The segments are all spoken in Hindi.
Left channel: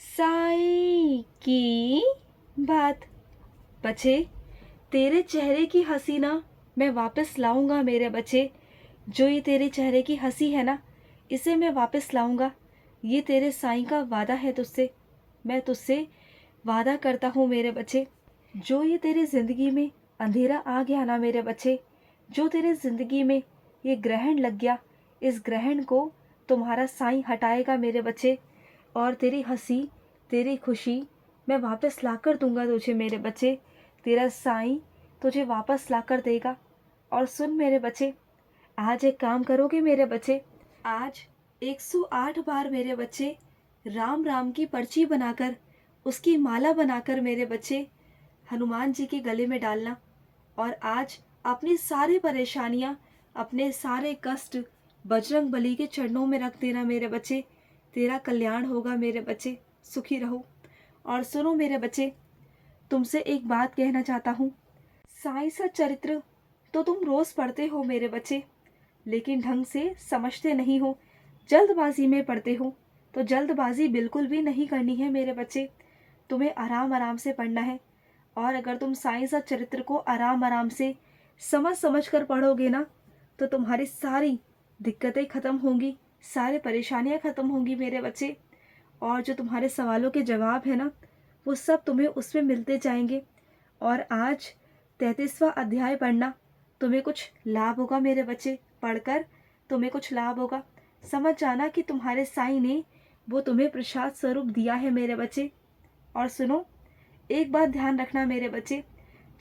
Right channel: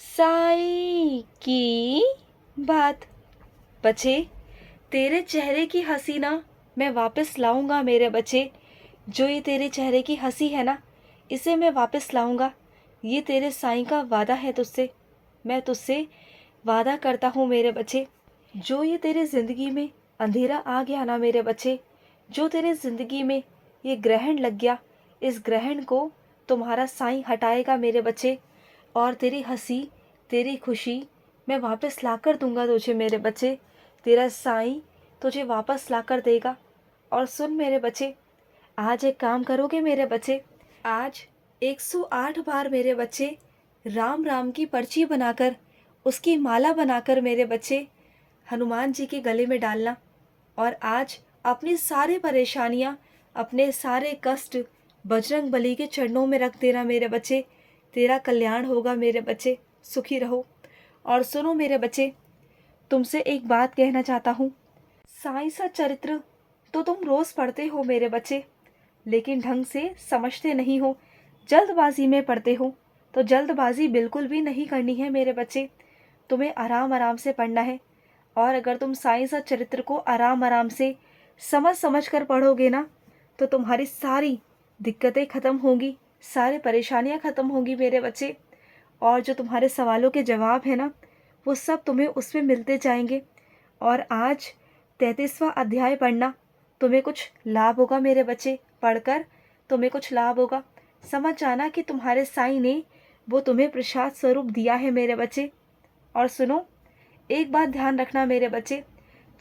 साईं की बात। बच्चे, तेरे चेहरे की हंसी ना मैं वापस लाऊंगा मेरे बच्चे। जो ये तेरे चेहरे की हंसी है ना, इसे मैं वापस लाऊंगा। ये तेरे साईं का वादा है तुझसे। मैं तुझसे वादा करता हूँ मेरे बच्चे। जो ये तेरे ज़िंदगी में अंधेरा आ गया ना मेरे बच्चे, जो तेरे ज़िंदगी में ये ग्रहण लग गया, इस ग्रहण को तुम्हारा साईं हटाएगा मेरे बच्चे। और तेरी हंसी, तेरी खुशी मैं वापस ला कर दूंगा तुझे मेरे बच्चे। तेरा साईं तुझे वापस ला कर देगा। और सुन मेरे बच्चे, आज एक काम करोगे मेरे बच्चे। आज 108 बार मेरे बच्चे राम राम की पर्ची बनाकर, उसकी माला बनाकर मेरे बच्चे हनुमान जी के गले में डालना। और आज अपनी सारी परेशानियां, अपने सारे कष्ट बजरंग बली के चरणों में रख देना मेरे बच्चे। तेरा कल्याण होगा मेरे बच्चे, सुखी रहो। और सुनो मेरे बच्चे, तुमसे एक बात कहना चाहता हूँ। साईं सा चरित्र तो तुम रोज पढ़ते हो मेरे बच्चे, लेकिन ढंग से समझते नहीं हो, जल्दबाजी में पढ़ते हो। तो जल्दबाजी बिल्कुल भी नहीं करनी है मेरे बच्चे, तुम्हें आराम आराम से पढ़ना है। और अगर तुम साईं सा चरित्र को आराम आराम से समझ समझ कर पढ़ोगे ना, तो तुम्हारी सारी दिक्कतें खत्म होंगी, सारी परेशानियां खत्म होंगी मेरे बच्चे। और जो तुम्हारे सवालों के जवाब है ना, वो सब तुम्हें उसमें मिलते जाएंगे। और आज 33वां अध्याय पढ़ना, तुम्हें कुछ लाभ होगा मेरे बच्चे। पढ़कर तुम्हें कुछ लाभ होगा। समझ जाना कि तुम्हारे साईं ने वो तुम्हें प्रसाद स्वरूप दिया है मेरे बच्चे। और सुनो, एक बात ध्यान रखना मेरे बच्चे,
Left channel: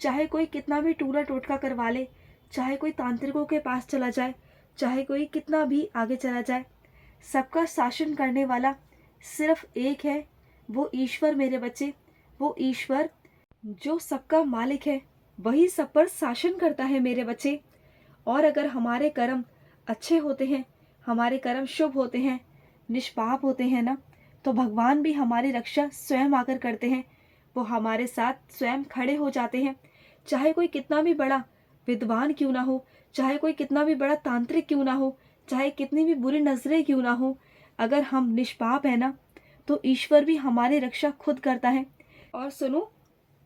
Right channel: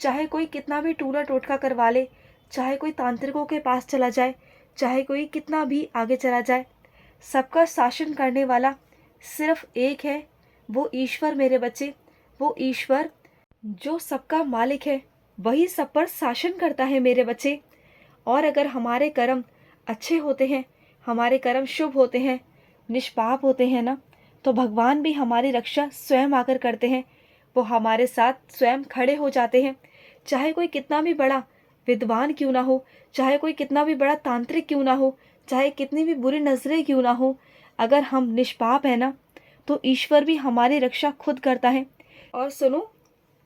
चाहे कोई कितना भी टूना टोटका करवा ले, चाहे कोई तांत्रिकों के पास चला जाए, चाहे कोई कितना भी आगे चला जाए, सबका शासन करने वाला सिर्फ एक है, वो ईश्वर मेरे बच्चे। वो ईश्वर जो सबका मालिक है, वही सब पर शासन करता है मेरे बच्चे। और अगर हमारे कर्म अच्छे होते हैं, हमारे कर्म शुभ होते हैं, निष्पाप होते हैं ना, तो भगवान भी हमारी रक्षा स्वयं आकर करते हैं। वो हमारे साथ स्वयं खड़े हो जाते हैं। चाहे कोई कितना भी बड़ा विद्वान क्यों ना हो, चाहे कोई कितना भी बड़ा तांत्रिक क्यों ना हो, चाहे कितनी भी बुरी नजरें क्यों ना हो, अगर हम निष्पाप है ना, तो ईश्वर भी हमारी रक्षा खुद करता है। और सुनो,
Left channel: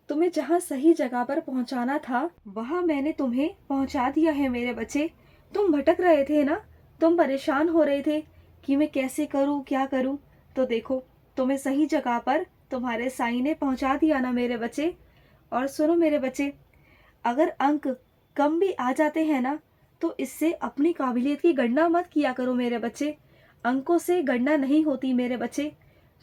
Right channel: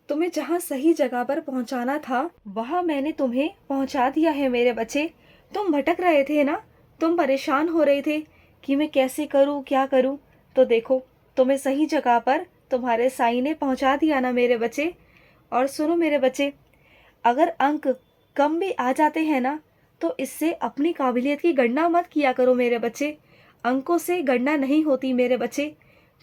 तुम्हें जहाँ सही जगह पर पहुँचाना था, वहाँ मैंने तुम्हें पहुँचा दिया है मेरे बच्चे। तुम भटक रहे थे ना, तुम परेशान हो रहे थे कि मैं कैसे करूँ, क्या करूँ। तो देखो, तुम्हें सही जगह पर तुम्हारे साईं ने पहुँचा दिया ना मेरे बच्चे। और सुनो मेरे बच्चे, अगर अंक कम भी आ जाते हैं ना, तो इससे अपनी काबिलियत की गणना मत किया करो मेरे बच्चे। अंकों से गणना नहीं होती मेरे बच्चे।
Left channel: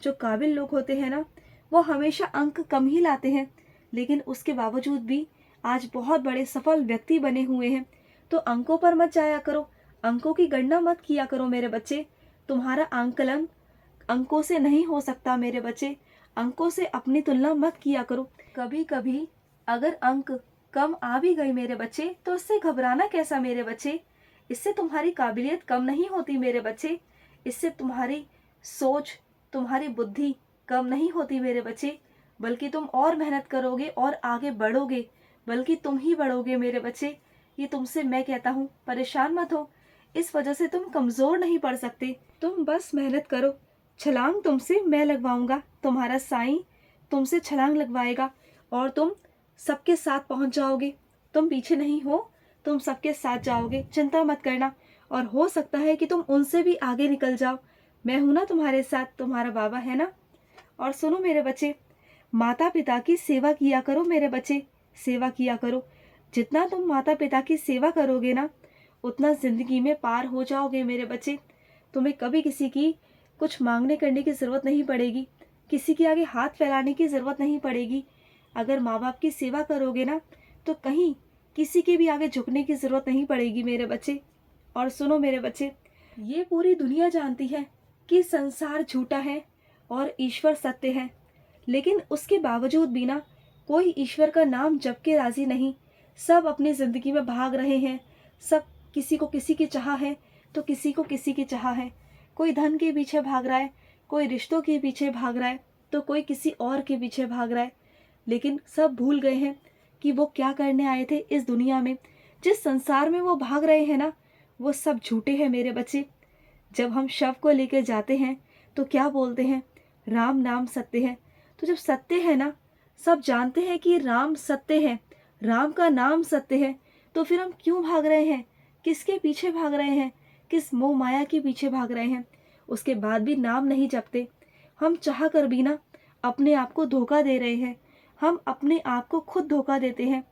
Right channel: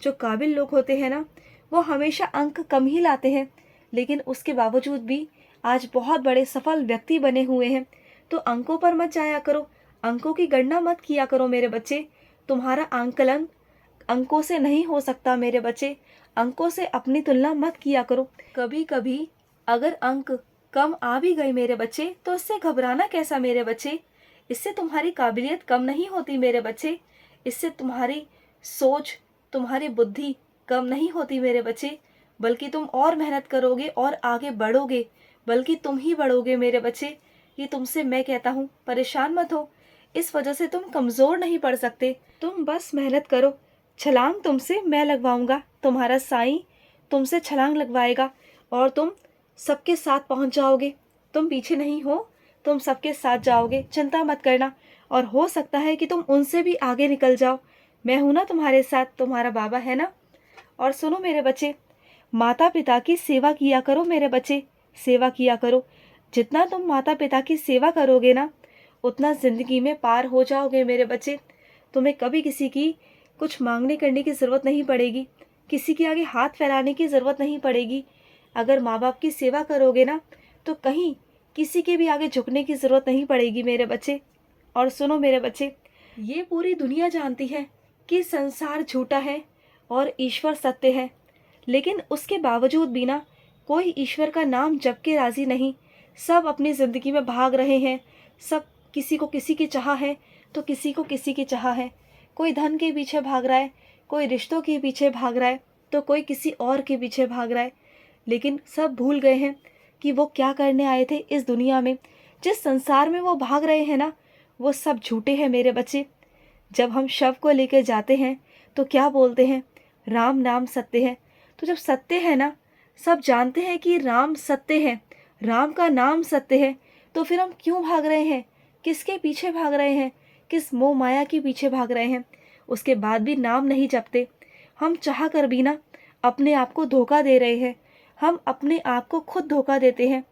जो काबिल लोग होते हैं ना, वो हमेशा अंक कम ही लाते हैं, लेकिन उसके बावजूद भी आज बहुत बड़े सफल व्यक्ति बने हुए हैं। तो अंकों पर मत जाया करो, अंकों की गणना मत किया करो मेरे बच्चे। तुम्हारा आंकलन अंकों से नहीं हो सकता मेरे बच्चे। अंकों से अपनी तुलना मत किया करो। कभी कभी अगर अंक कम आ भी गई मेरे बच्चे, तो इससे घबराना कैसा मेरे बच्चे। इससे तुम्हारी काबिलियत कम नहीं होती मेरे बच्चे। इससे तुम्हारी सोच, तुम्हारी बुद्धि कम नहीं होती मेरे बच्चे, बल्कि तुम और मेहनत करोगे और आगे बढ़ोगे, बल्कि तुम ही बढ़ोगे मेरे बच्चे। ये तुमसे मैं कहता हूँ, परेशान मत हो। इस वजह से तुम कमजोर नहीं पड़ सकते। तुम बस मेहनत करो। छलांग तुमसे मैं लगवाऊंगा, तुम्हारा साईं तुमसे छलांग लगवाएगा और तुम सबके साथ पहुंच जाओगे। तुम पीछे नहीं हो, तुम सबके साथ जाओगे, चिंता मत करना। और हो सकता है कि तुम उनसे भी आगे निकल जाओ। मैं हूं ना तुम्हारे साथ, तुम्हारा बाबा है ना। और सुनो मेरे बच्चे, माता पिता की सेवा किया करो मेरे बच्चे, सेवा किया करो। जितना तुम माता पिता की सेवा करोगे ना, उतना जिंदगी में पार हो जाओगे मेरे बच्चे। तुम्हें कभी किसी की कुछ मांगने करने की ज़रूरत नहीं पड़ेगी, किसी के आगे हाथ फैलाने की ज़रूरत नहीं पड़ेगी। अगर माँ बाप की सेवा करोगे ना, तो कहीं किसी के भी आगे झुकने की ज़रूरत नहीं पड़ेगी मेरे बच्चे। और सुनो मेरे बच्चे, ये पूरी दुनिया जानती है कि संसार झूठा है और ईश्वर सत्य है, लेकिन उसके बावजूद भी ना कोई ईश्वर का नाम जप के राजी नहीं। सब अपनी ज़िंदगी में भाग रहे हैं। सब किसी को किसी की चाह है, तो किसी को किसी की चाह है। कोई धन के पीछे भाग रहा है, कोई रिश्तों के पीछे भाग रहा है, तो कोई किसी और के पीछे भाग रहा है। लेकिन सब भूल गए हैं कि वो क्या करने आए थे इस दुनिया में। जिस संसार में वो भाग रहे हैं ना, वो सब झूठे हैं मेरे बच्चे। जब हम शव को लेकर जाते हैं, तो क्या बोलते हैं, राम नाम सत्य है। तो जब सत्य है ना, सब जानते हैं कि राम सत्य है, राम का नाम सत्य है, तो फिर हम क्यों भाग रहे हैं? किसके पीछे भाग रहे हैं? किस मोह माया के पीछे भाग रहे हैं? उसके बाद भी नाम नहीं जपते। हम चाह कर भी ना अपने आप को धोखा दे रहे हैं। हम अपने आप को खुद धोखा देते हैं,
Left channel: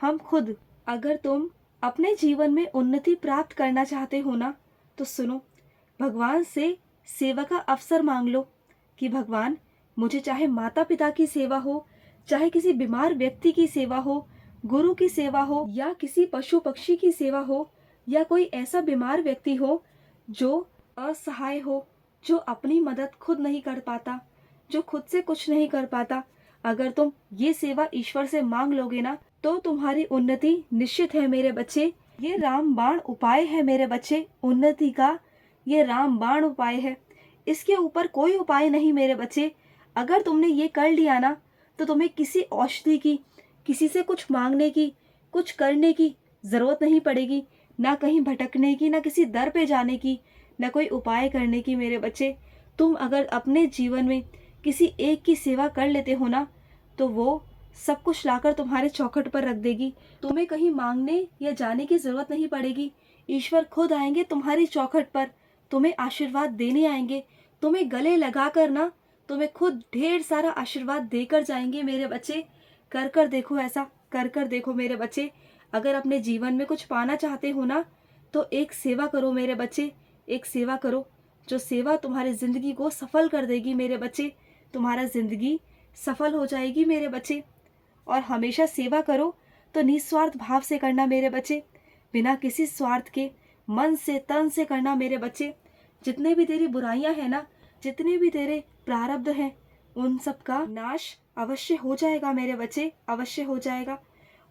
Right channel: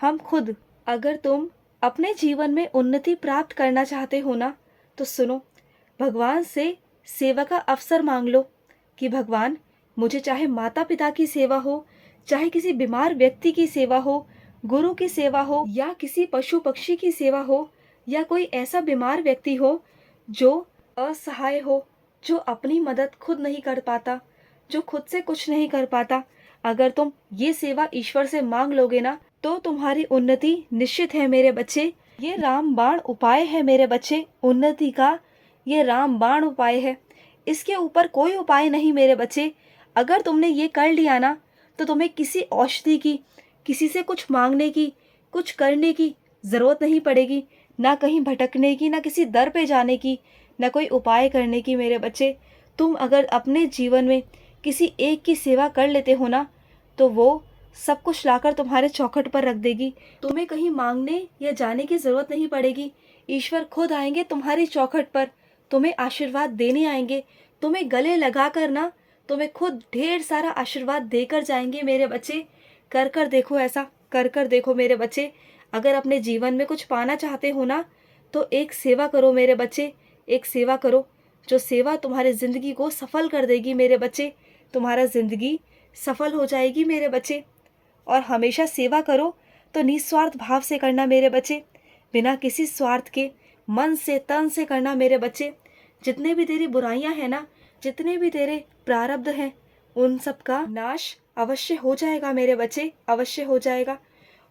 हम खुद। अगर तुम अपने जीवन में उन्नति प्राप्त करना चाहते हो ना, तो सुनो, भगवान से सेवा का अवसर मांग लो कि भगवान, मुझे चाहे माता पिता की सेवा हो, चाहे किसी बीमार व्यक्ति की सेवा हो, गुरु की सेवा हो, या किसी पशु पक्षी की सेवा हो, या कोई ऐसा बीमार व्यक्ति हो जो असहाय हो, जो अपनी मदद खुद नहीं कर पाता, जो खुद से कुछ नहीं कर पाता। अगर तुम ये सेवा ईश्वर से मांग लोगे ना, तो तुम्हारी उन्नति निश्चित है मेरे बच्चे। ये रामबाण उपाय है मेरे बच्चे, उन्नति का ये रामबाण उपाय है। इसके ऊपर कोई उपाय नहीं मेरे बच्चे। अगर तुमने ये कर लिया ना, तो तुम्हें किसी औषधि की, किसी से कुछ मांगने की, कुछ करने की जरूरत नहीं पड़ेगी। ना कहीं भटकने की, ना किसी दर पे जाने की, ना कोई उपाय करने की मेरे बच्चे। तुम अगर अपने जीवन में किसी एक की सेवा कर लेते हो ना, तो वो सब कुछ लाकर तुम्हारे चौखट पर रख देगी। तुम्हें कहीं मांगने या जाने की जरूरत नहीं पड़ेगी। ईश्वर खुद आएंगे तुम्हारी चौखट पर, तुम्हें आशीर्वाद देने आएंगे। तुम्हें गले लगा कर ना, तुम्हें खुद ढेर सारा आशीर्वाद देकर जाएंगे मेरे बच्चे। कर कर देखो ऐसा, कर कर देखो मेरे बच्चे। अगर अपने जीवन में कुछ पाना चाहते हो ना, तो एक सेवा करो मेरे बच्चे, एक सेवा करो, जो सेवा तुम्हारी जिंदगी को सफल कर देगी मेरे बच्चे। तुम्हारा जिंदगी सफल हो जाएगी मेरे बच्चे। और हमेशा सेवा करो तो निस्वार्थ भाव से करना मेरे बच्चे, बिना किसी स्वार्थ के, मन से तन से करना मेरे बच्चे। जितने भी तेरी बुराइयां हैं ना, जितने भी तेरे प्रारब्ध हैं, उन सब का नाश अवश्य हो जाएगा मेरे बच्चे, अवश्य हो जाएगा।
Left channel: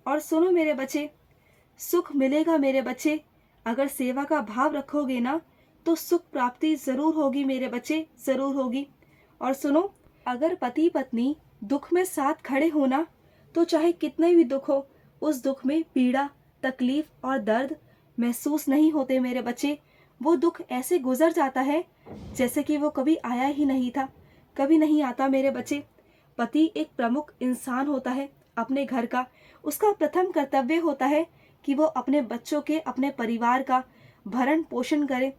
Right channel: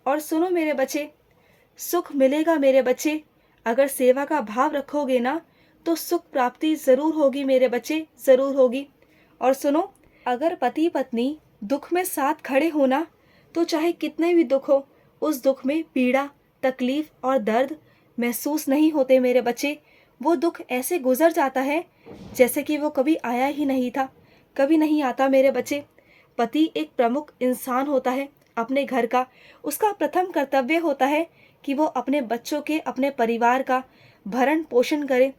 और सुनो मेरे बच्चे, सुख मिलेगा मेरे बच्चे। अगर सेवा का भाव रखोगे ना, तो सुख प्राप्ति जरूर होगी मेरे बच्चे, जरूर होगी। और सुनो, अगर पति पत्नी दुख में साथ खड़े हो ना, तो चाहे कितने भी दुख हो, उस दुख में पीड़ा, तकलीफ और दर्द महसूस नहीं होते मेरे बच्चे। वो दुख ऐसे गुजर जाता है जैसे कि वो कभी आया ही नहीं था, कभी नहीं आता मेरे बच्चे। पति एक प्रमुख इंसान होता है अपने घर का। उसका प्रथम कर्तव्य होता है कि वो अपने बच्चों के, अपने परिवार का भरण पोषण करे।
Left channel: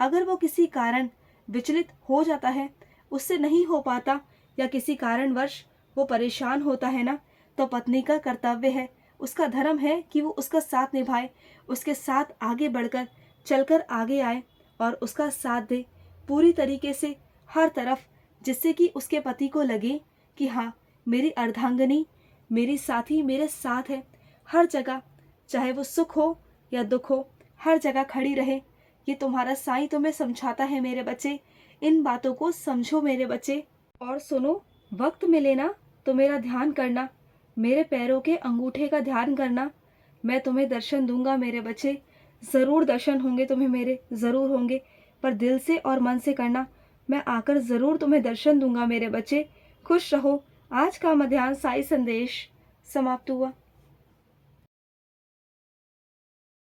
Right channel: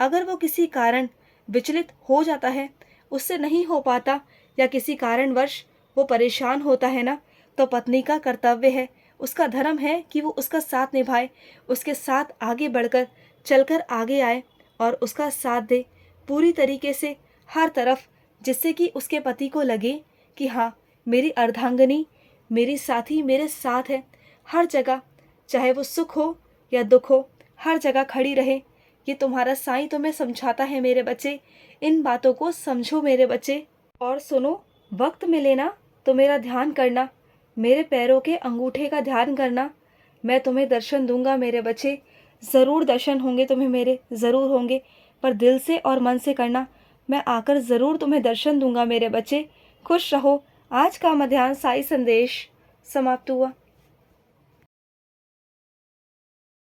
अगर वो किसी कारण विचलित हो जाता है, उससे नहीं हो पाता, या किसी कारणवश वो परेशान होता है ना, तो पत्नी का कर्तव्य है, उसका धर्म है कि वो उसका साथ निभाए, उसके साथ आगे बढ़कर चलकर आगे आए और उसका साथ दे पूरी तरीके से, हर तरफ, जिससे कि उसके पति को लगे कि हाँ, मेरी अर्धांगिनी, मेरी साथी मेरे साथ है हर जगह, चाहे वो सुख हो या दुख हो, हर जगह खड़ी रहे। ये तुम्हारा साईं तुम्हें समझाता है मेरे बच्चे। इन बातों को समझो मेरे बच्चे। और सुनो, वक्त मिले ना तो मेरा ध्यान करना, मेरे पैरों के अंगूठे का ध्यान करना। मैं तुम्हें दर्शन दूंगा मेरे बच्चे, ज़रूर दर्शन होंगे तुम्हें मेरे, ज़रूर होंगे, पर दिल से और मन से करना। मैं आकर ज़रूर तुम्हें दर्शन दूंगा मेरे बच्चे। खुश रहो। आज का मध्याह्न साई संदेश समाप्त हुआ।